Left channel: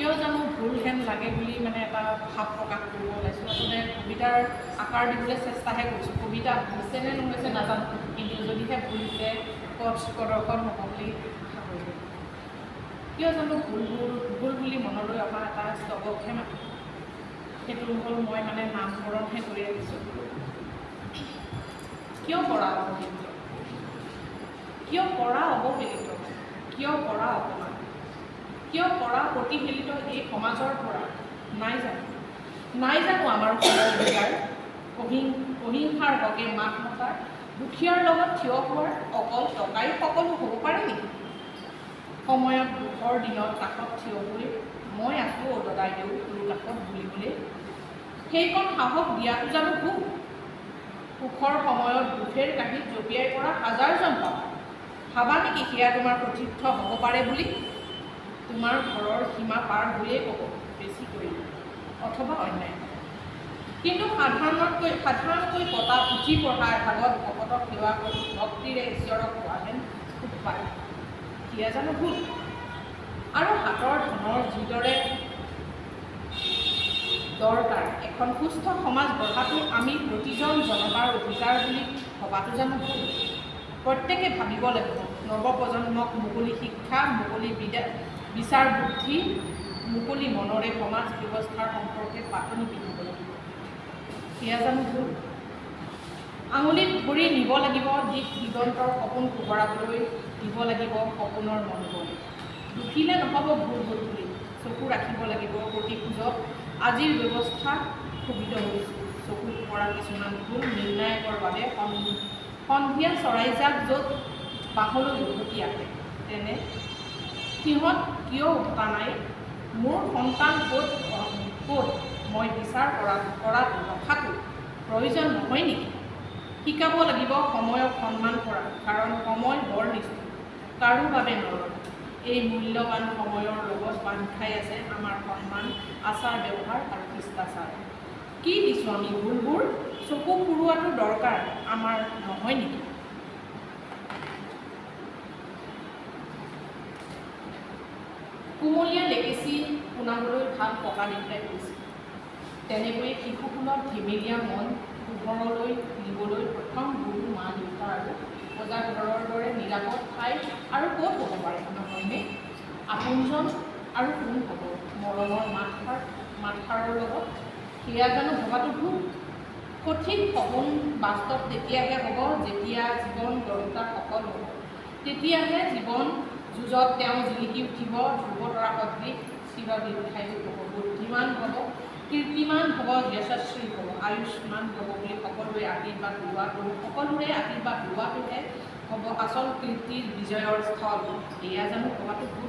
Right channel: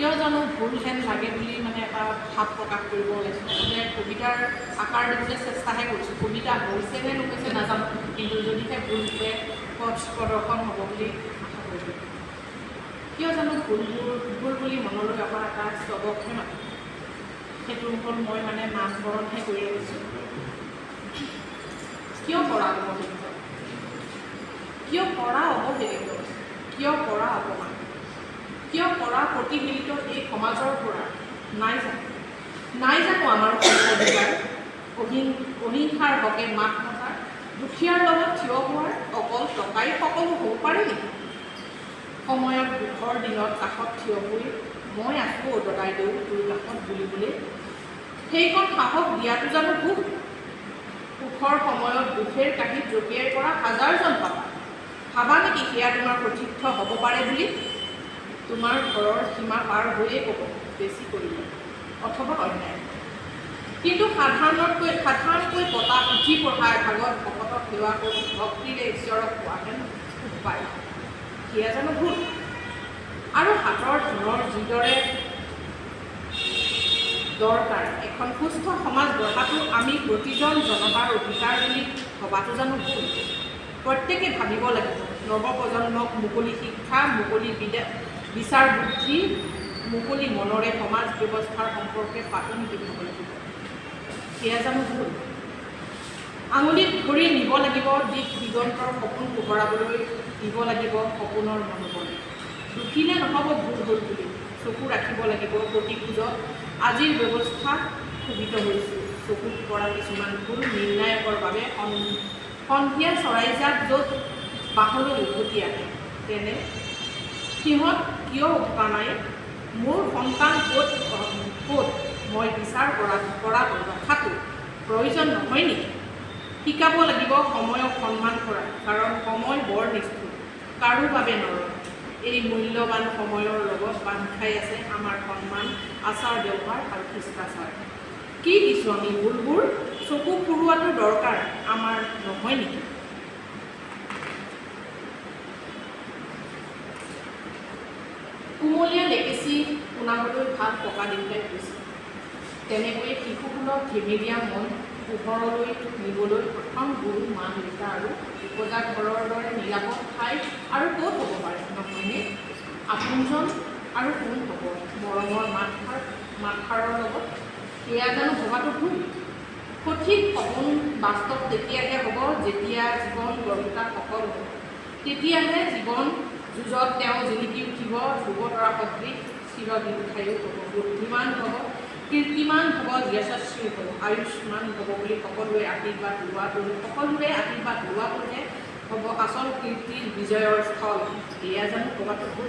কিয় জানো ভুল হেন লাগে বুলি মানে এটা ভাৱ প্ৰকাশ কৰিব ওলাইছোঁ। মানে কবিতাৰ আকাৰ দিবলৈ চেষ্টাহে কৰিছোঁ। কবিতা হৈছে নে নহৈছে নাজানো, কিন্তু যদিহে ভুল হৈছে পথ প্ৰদৰ্শন হ'ব বুলি আশা কৰিছোঁ। কিয় জানো ভুল বুলি মনলৈ অহা এটা স্তৱকহে মাতো। সেইটো হ'ল মই মানে নামকৰণহে কৰি আহিছোঁ। কিয় পৰা অৱহেলিত, কিয় পৰা অৱহেলিত, কিয় পৰা অপমান, কিয় পৰা প্ৰতিফলিত এই সমাজৰ পৰা নাই জানো আমাৰ অহিংসাৰ হকে মাত মতা, দুখীয়াৰ লগত থিয় হোৱাৰ অকল টকাই সকলো হ'ব পাৰে নেকি? সময়ত দুখৰ দিনত কাষত থিয় হৈ মই আছোঁ দদাই দেউ তোৰ কাষত বুলিবলৈ, সেইকণ সাহস দিয়াটো জানো ভুল? সুখৰ সময়ত দুখেৰ কাঁহীত জপিয়াই পৰা হাজাৰজন ভাবা নেকি সেয়া তোমাৰ প্ৰতীৰ্থ হ'ব পাৰে বুলি? তোমাৰ ঘৰৰ সীমা পাৰ হৈয়ে ক'ব বেছি কৰিলে অথবা অন্যায়। কিন্তু সাধাৰণকৈ পতা পুথি পঢ়াই ভাগত ভকতক সেৱা কৰি ভক্তিৰে ঈশ্বৰক পোৱাহেঁতেন সুখ পায়, সেয়া জানো ভুল? আৰু হাতৰ ধনৰ যিদৰে দৰকাৰ এখন সুস্থ সমাজ গঢ়াটো আমি প্ৰতিজন জনতাৰ অধিকাৰ বুলি ভবাটো জানো ভুল? প্ৰত্যেকে ভাবিব লাগিব, নৱপ্ৰজন্মক মুকলি শিক্ষা, মুকলি বিচাৰ বুদ্ধি, মুকলি মনৰে সমাজ ব্যৱস্থাৰ সম্পৰ্কে পাঠনি দিব লাগিব, সেয়া জানো ভুল? আঙুলিত ধৰি নিব লাগিব দিশ দিগন্তৰ সপোন পোহৰাবলৈ, দিব লাগিব সপোনৰ মনোবল। দুখিলে নহ'ব ভুল হ'ল বুলি চকু ৰাখিব লাগিব প্ৰতি খোজত। আজিৰ ব্যৱস্থা ক্ষোভিত হৈছোঁ, চকুত পৰা কিছুমান ভুল নিৰ্ণায়কৰ বাবে সন্ধিয়া চৰাইজাক য'ত বাহলৈ উভতি আহে, তেনে সিহঁত কিয় উঠা নাই? মোৰ সন্তান ক'ত মই বিচাৰ কৰাটো ৰখাটো প্ৰয়োজন নহয় নেকি? শিকাব লাগিব সময়ক সন্মান কৰা, কাৰণ সময় বৰ নিষ্ঠুৰ, কাৰো বাবে নৰয়। এই মূল্যৱান সময়ৰ লগত বান্ধ খাই আছে আমাৰ সন্মান, আচাৰ ব্যৱহাৰ আৰু শিষ্টাচাৰ। কি দিছোঁ আমি ভুলবোৰ? চকু ফুৰোৱাটো দৰকাৰ আমাৰ নহয় নেকি? কুমলীয়া ডেকেচি শুনাবলৈ ভাত পকা দিবলৈ গৈছে, তেনেকৈয়ে শিশুসুলভ ধেমেলীয়া মন পোহৰলৈ নিবলৈ প্ৰথম গুৰু মা দেউতা আৰু উপজা ঘৰৰ দৰে নিৰাপদ ঠাই আৰু ক'ত হ'ব পাৰে নহয়নে? আপোনজন আৰু কোন হ'ব মৰমৰ মাতষাৰৰ লগত, সেয়া জানো ভবাটো ভুল? সঠিক সপোন বাস্তৱ তেতিয়াহে হ'ব যেতিয়া জীৱন গঢ়িতা সফল হ'ব, তেতিয়াহে জীৱন যুঁজত তেওঁ জিলিকি উঠিব, ধ্ৰুৱতৰা সদৃশ চিৰদীৰ্ঘায়ু হ'ব, বুদ্ধিমান হ'ব, কীৰ্তিমান হ'ব, যশস্বী হ'ব, আয়ুষ্মান হ'ব বুলি সকলোৰে আশীৰ্বাদ লোৱাটোহে হ'ব আচল কীৰ্তিৰ বিজয়ৰ স্থল, এয়া জানো ক'বাটো ভুল?